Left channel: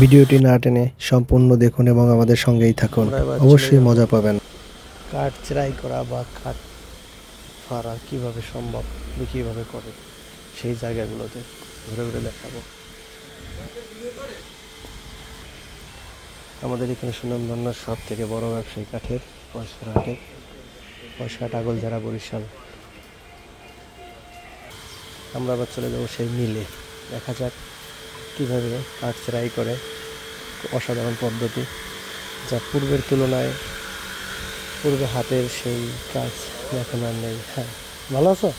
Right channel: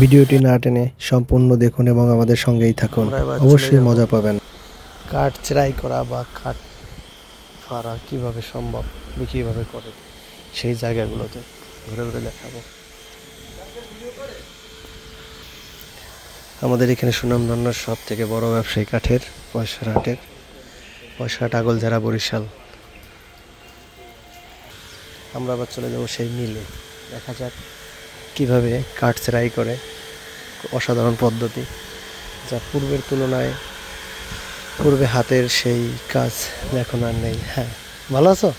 ভিডিওটি না টেনে সম্পূর্ণ দেখুন এবং আমাদের সঙ্গেই থাকুন, অবশ্যই মজা পাবেন। কাঠ চেরাই করা বা কাঠ ফাড়া কিভাবে সম্ভব, কিভাবে করে সেই জায়গাগুলোতে ঘুরে ঘুরে দেখাবো। আমাদের এখানে সুনামধন্য সব থেকে বড় ব্যবসায়ী কাঠের পয়সারহাট আগলঝাড়া বরিশাল। আমরা আবার চলে যাবো সেই মিলে, দেখা যাক কিভাবে কাঠ চেরাই করে। অসাধারণ পদ্ধতি, যা পূর্বের তুলনায় পূর্বে হাতের সেই কাজ এখন আর নেই। হ্যাঁ, ভালো আছো?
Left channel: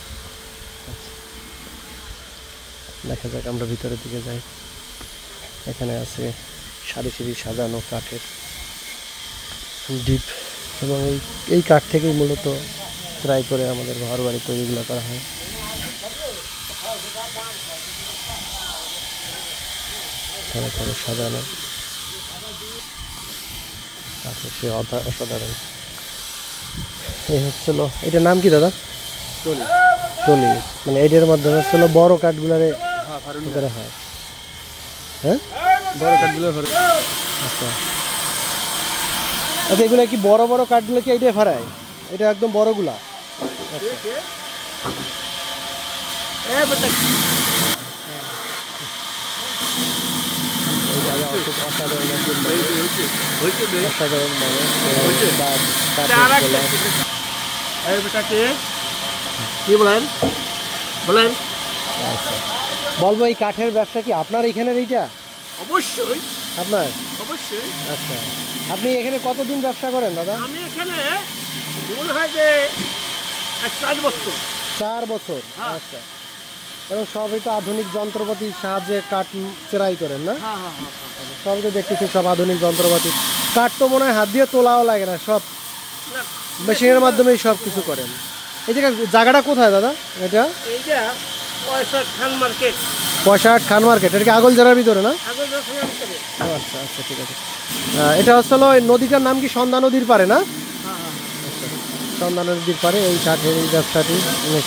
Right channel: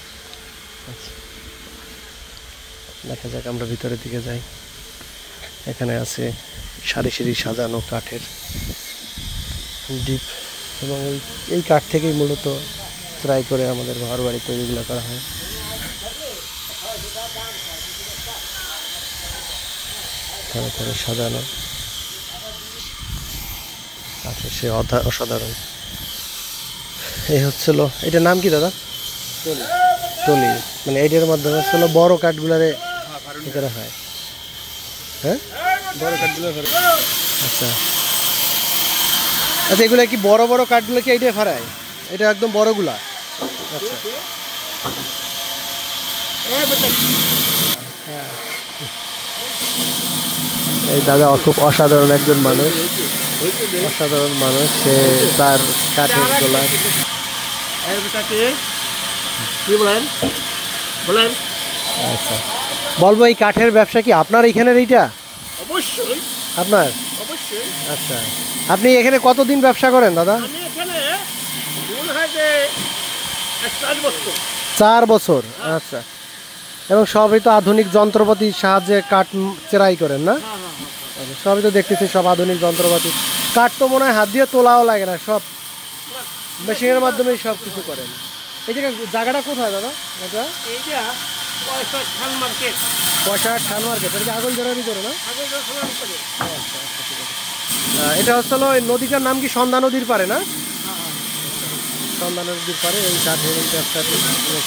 আচ্ছা, দেখা যাক, আমরা ভিতরের দিকে যাই। এখানে আছে সারি সারি সাজানো কাঠের ডিপ, এবং এই কাঠ থেকেই মূলত চেরাই করে আমাদের ঘর বাড়ি তৈরিগুলো করা হয়। ধরে ধরে সাজানো কাঠের সে অসাধারণ। এই হচ্ছিল, এটার নাম কি দাদা? টলি। মানে এটার মাধ্যমে হচ্ছিল বড় কাঠগুলারে করা হয়। হ্যাঁ, বড় কাঠগুলো। আচ্ছা আচ্ছা, এগুলা কি বড় বড় কাঠগুলো কি এইটাই ফাড়ায়? এটা একদম বড়গুলা? আচ্ছা, এই দাদা খুব অসাধারণ একজন মানুষ, অসাধারণ মানুষ। তার কাঠের গোলা কি বলেন বলেন? আচ্ছা, বলবো এই কাঠের ব্যবসা কি আপনার এখানের? এইটা অবশ্যই আপনার? অবশ্যই। আচ্ছা, আপনি এখানে কতদিন ব্যবসা করেন দাদা? আমি এখানে মনে হয় যে 4 বছর। 4 বছর? আচ্ছা, এবং সবই তো আধুনিক যন্ত্রপাতির সাহায্যে কাঠ চেরাই করেন না? সবই তো দেখতেছি সব আধুনিক যন্ত্রপাতি। কাঠ তো মনে হয় হাত দিয়ে তোলাও লাগে না, সব মেশিনের মাধ্যমেই সব কিছু করেন। এই জায়গাটা কোথায় দাদা? এটা এইটা পয়সারহাট খান মার্কেট। পয়সারহাট খান মার্কেট, এটা কি আগলঝাড়ার ভিতরে না? আচ্ছা আচ্ছা, ঠিক আছে। এটা হচ্ছে নদীটার নাম কি সন্ধ্যা নদীর পারে না? সন্ধ্যা নদীর পারে এই কাঠের এই ব্যবসাটি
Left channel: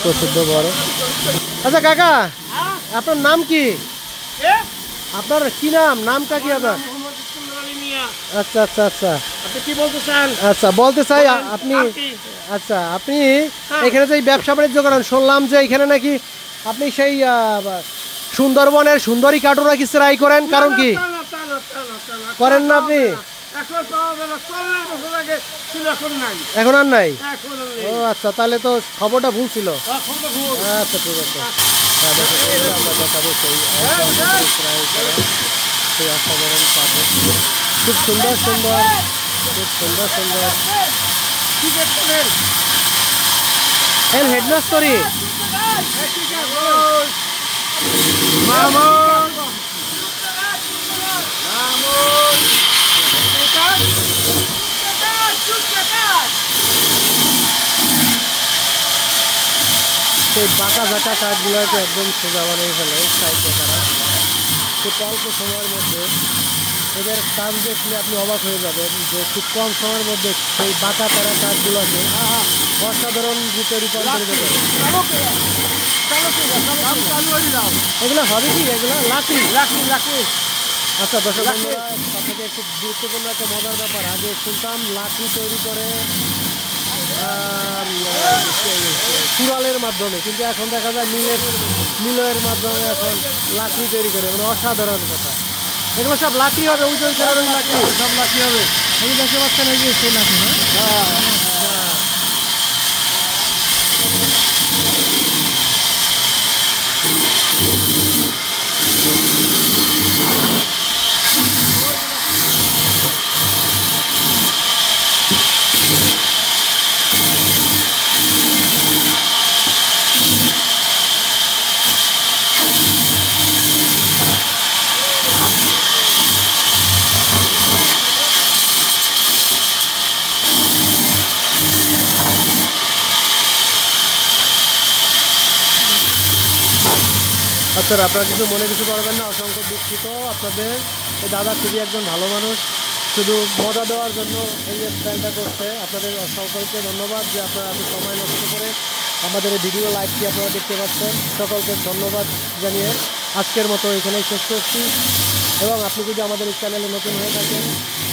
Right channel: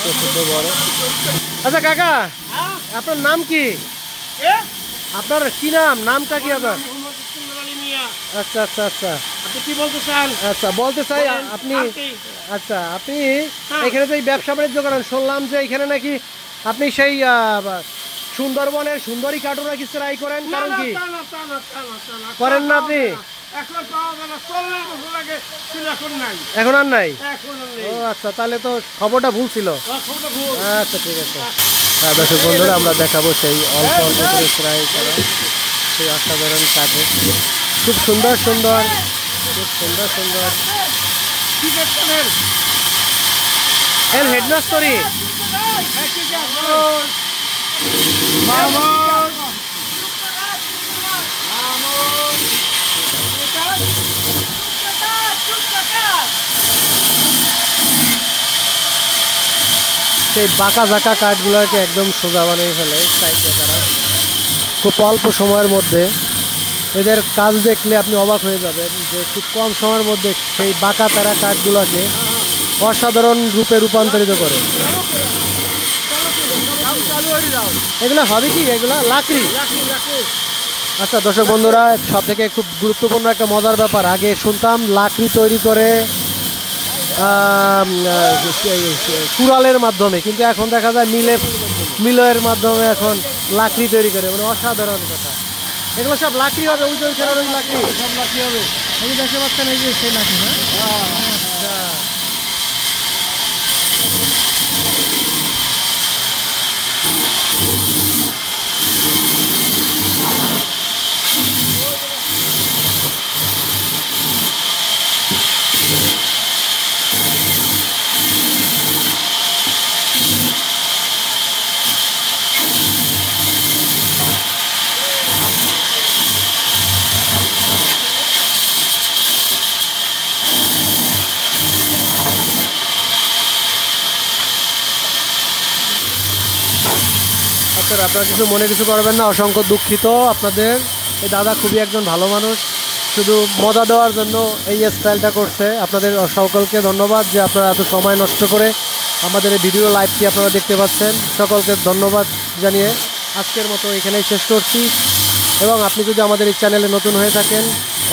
প্রসিদ্ধ বড়। আচ্ছা কাকা, আপনার নাম কি? আপনার কি নাম? নামটা কি আপনার? আচ্ছা আচ্ছা আচ্ছা, আপনি কি বলতে চান? আচ্ছা, বলতে চাই আপনি, আচ্ছা, আপনি এখানে যে ব্যবসা বাণিজ্য করেন, শুনলাম যে এখানে নাকি আপনি সেই সুন্দরবনের সুন্দরী কাঠও নাকি চেরাই করেন, কারণ কি করেন না আপনি? এখন আর নাই? ও আচ্ছা, তাহলে তো খবরটা ভুল ছিল। আচ্ছা ঠিক আছে। হ্যাঁ দর্শক বন্ধুরা, আমরা দেখাবো সেই অল্প অল্প করে চেরাই করা সেই অসাধারণ কাঠে, খুব সুন্দর সুন্দর, খুব সুন্দর সুন্দর। এর হেডমাস্টারি সেই বাঁকা ঝাঁকা কাঠগুলোকে একদম সোজা বানিয়ে ফেলে সাইডে তারা খুব অল্প সময়ের মধ্যে। এদের কাজ দেখলে আপনি অবাক হয়ে যাবেন যে খুব কম সময়ের মধ্যে সেই বাঁকা তারা কাঠগুলোকে অসাধারণ রূপে রূপান্তরিত করে। এগুলো হবে কি? এগুলো লাকড়ি? আচ্ছা দর্শক বন্ধুরা, সব থেকে খুব গুরুত্বপূর্ণ একটা মজার ব্যাপার, আগে শুনতাম লাকড়ি তৈরি করে কুড়ালের মাধ্যমে, কিন্তু এখন দেখা যায় মিলের মাধ্যমে এখন লাকড়ি তৈরি করে। মানে অসাধারণ কথা। এগুলো সব লাকড়ি হবে? ওই যে ওই লাকড়ি সব লাকড়ি হবে। এই দেখতে পাচ্ছেন, এই যে সেই লাকড়ি না? আচ্ছা, আচ্ছা, আপনারা কিছু মনে কিছু করবেন না, অসংখ্য দুঃখিত আপনাদের। এই দাদা খুবই একজন ভালো মানুষ, শুধু মজা দেওয়ার জন্য এই স্টাইলটা করছে। আপনাদের সকলকে ধন্যবাদ যে আপনারা এত সময় নষ্ট করে আমাদের এই ভিডিও লাইভটি আপনারা দেখতে পাচ্ছেন। সকলকে ধন্যবাদ জানিয়ে আজকের মতো এখানেই শেষ করছি। এবং আপনি যদি আমাদের এই চ্যানেলে নতুন হয়ে থাকেন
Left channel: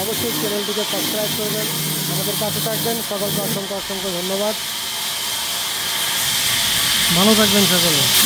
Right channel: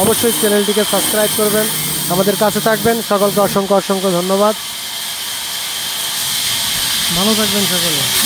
অবশ্যই চ্যানেলটিকে সাবস্ক্রাইব করবেন, আমাদের কাছে থাকবেন। সকলকে অসংখ্য অসংখ্য ধন্যবাদ, ভালো থাকবেন সকলে।